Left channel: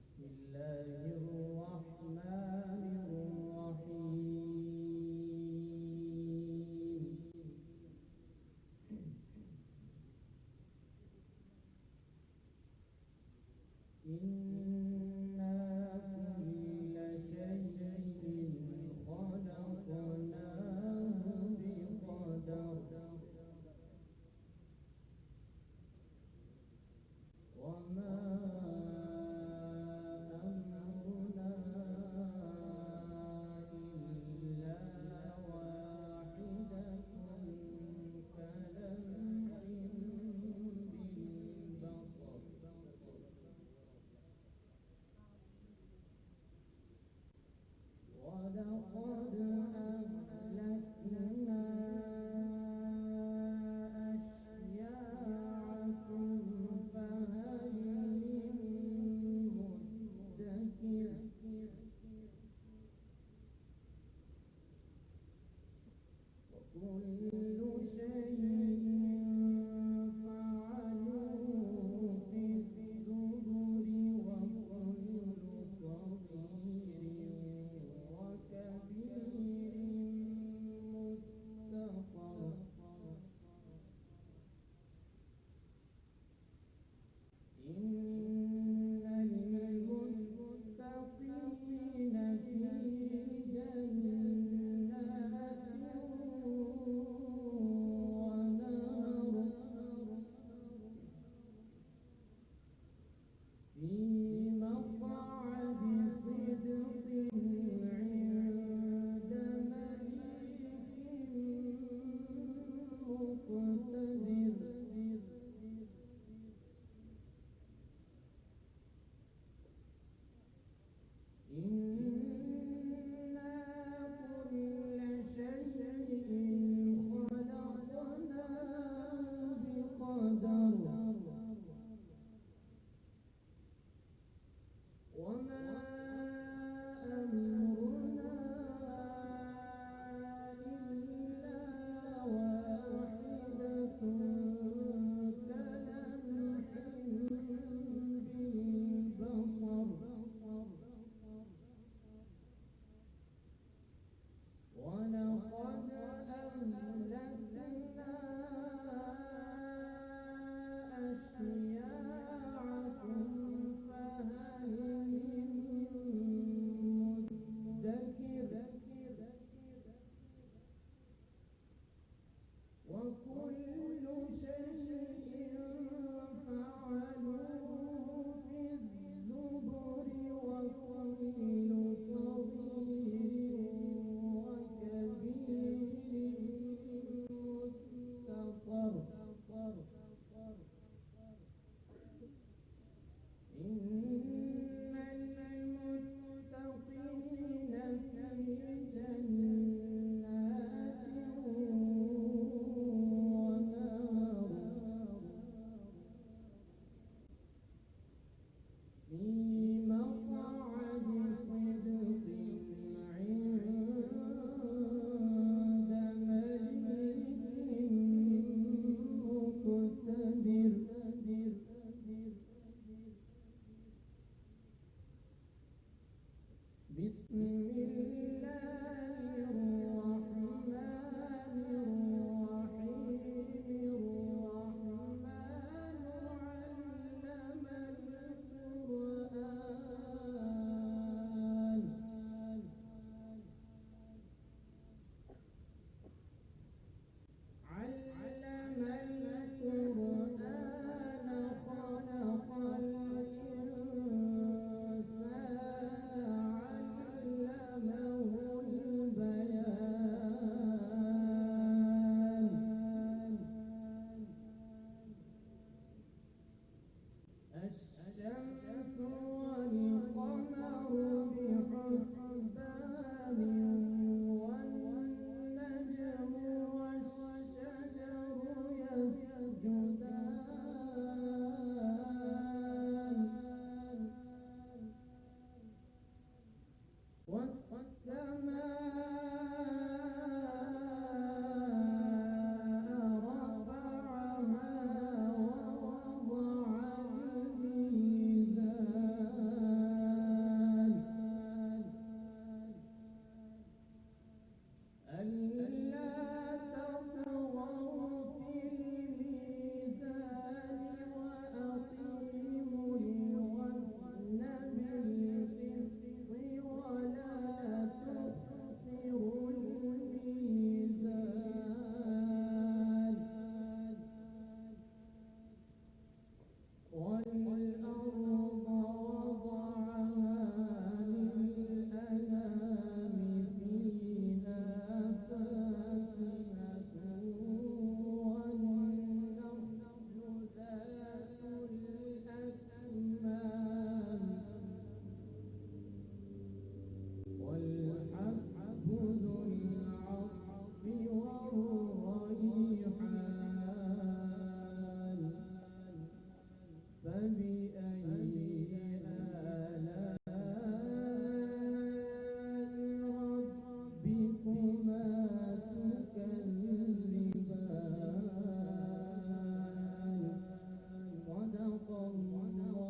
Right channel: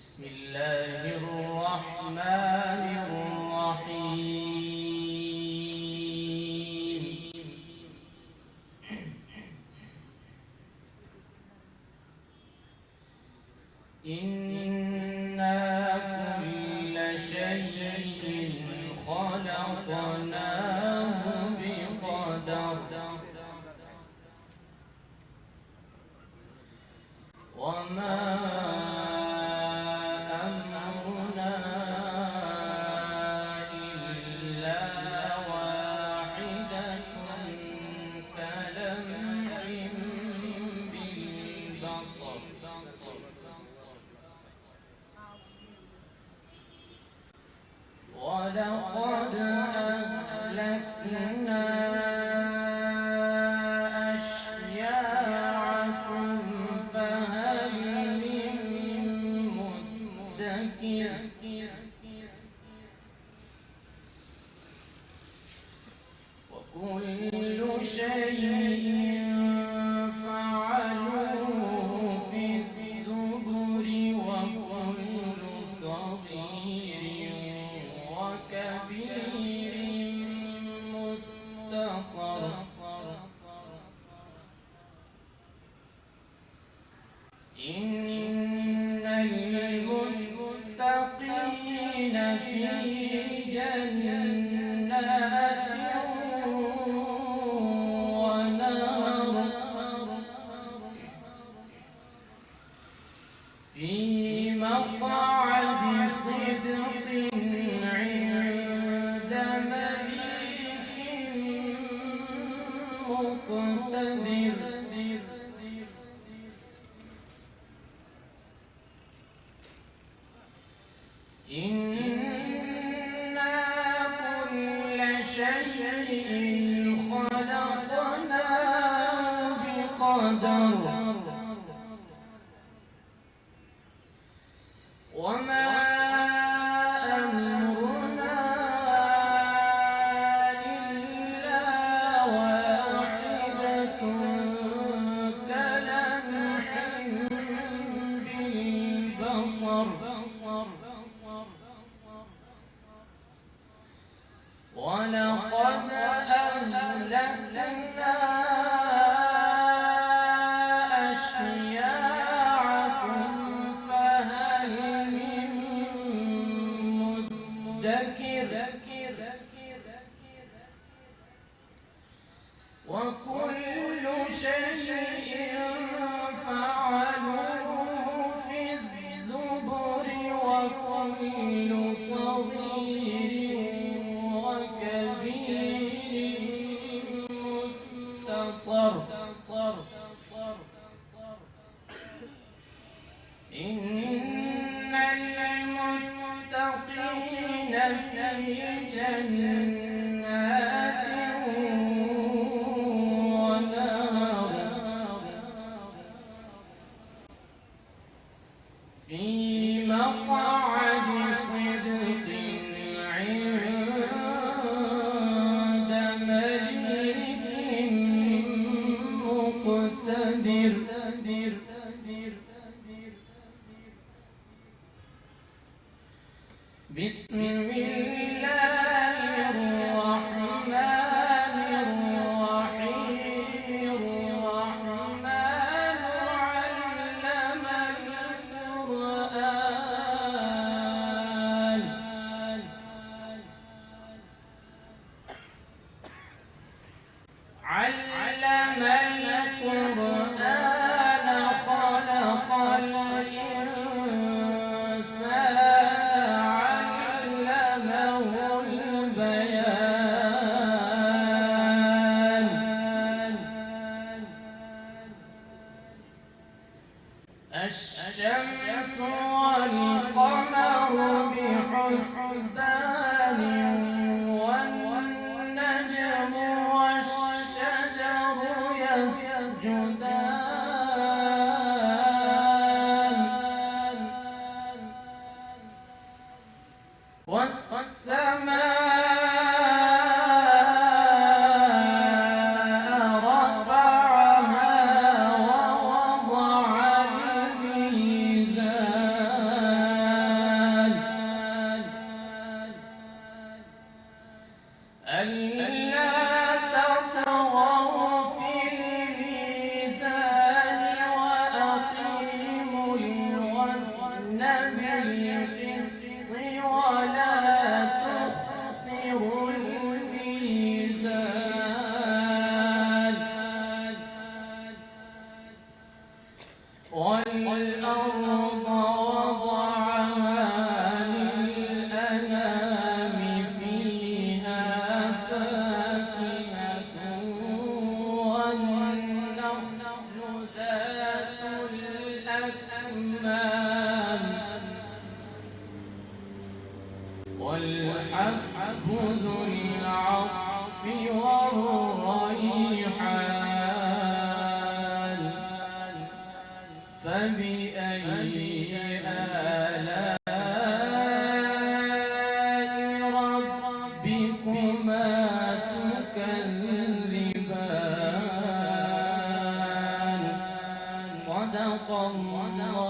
بسم الله الرحمن الرحيم. إنا كل شيء خلقناه بقدر وما أمرنا إلا واحدة كلمح بالبصر ولقد أهلكنا أشياعكم فهل من مدكر وكل شيء فعلوه في الزبر وكل صغير وكبير مستقر إن المتقين في جنات ونهر في مقعد صدق عند مليك مقتدر إنا كل شيء خلقناه بقدر وما أمرنا إلا واحدة كلمح بالبصر ولقد أهلكنا أشياعكم فهل من مدكر وكل شيء فعلوه في الزبر وكل صغير وكبير مستقر إن المتقين في جنات ونهر في مقعد صدق عند مليك مقتدر بسم الله الرحمن الرحيم الرحمن علم القرآن علم القرآن خلق الإنسان الشمس والقمر بحسبان والنجم والشجر يسجدان والسماء رفعها ووضع الميزان والأرض وضعها للأنام فيها فاكهة والنخل ذات الأكمام والحب ذو العصف والريحان فبأي آلاء ربكما تكذبان صدق الله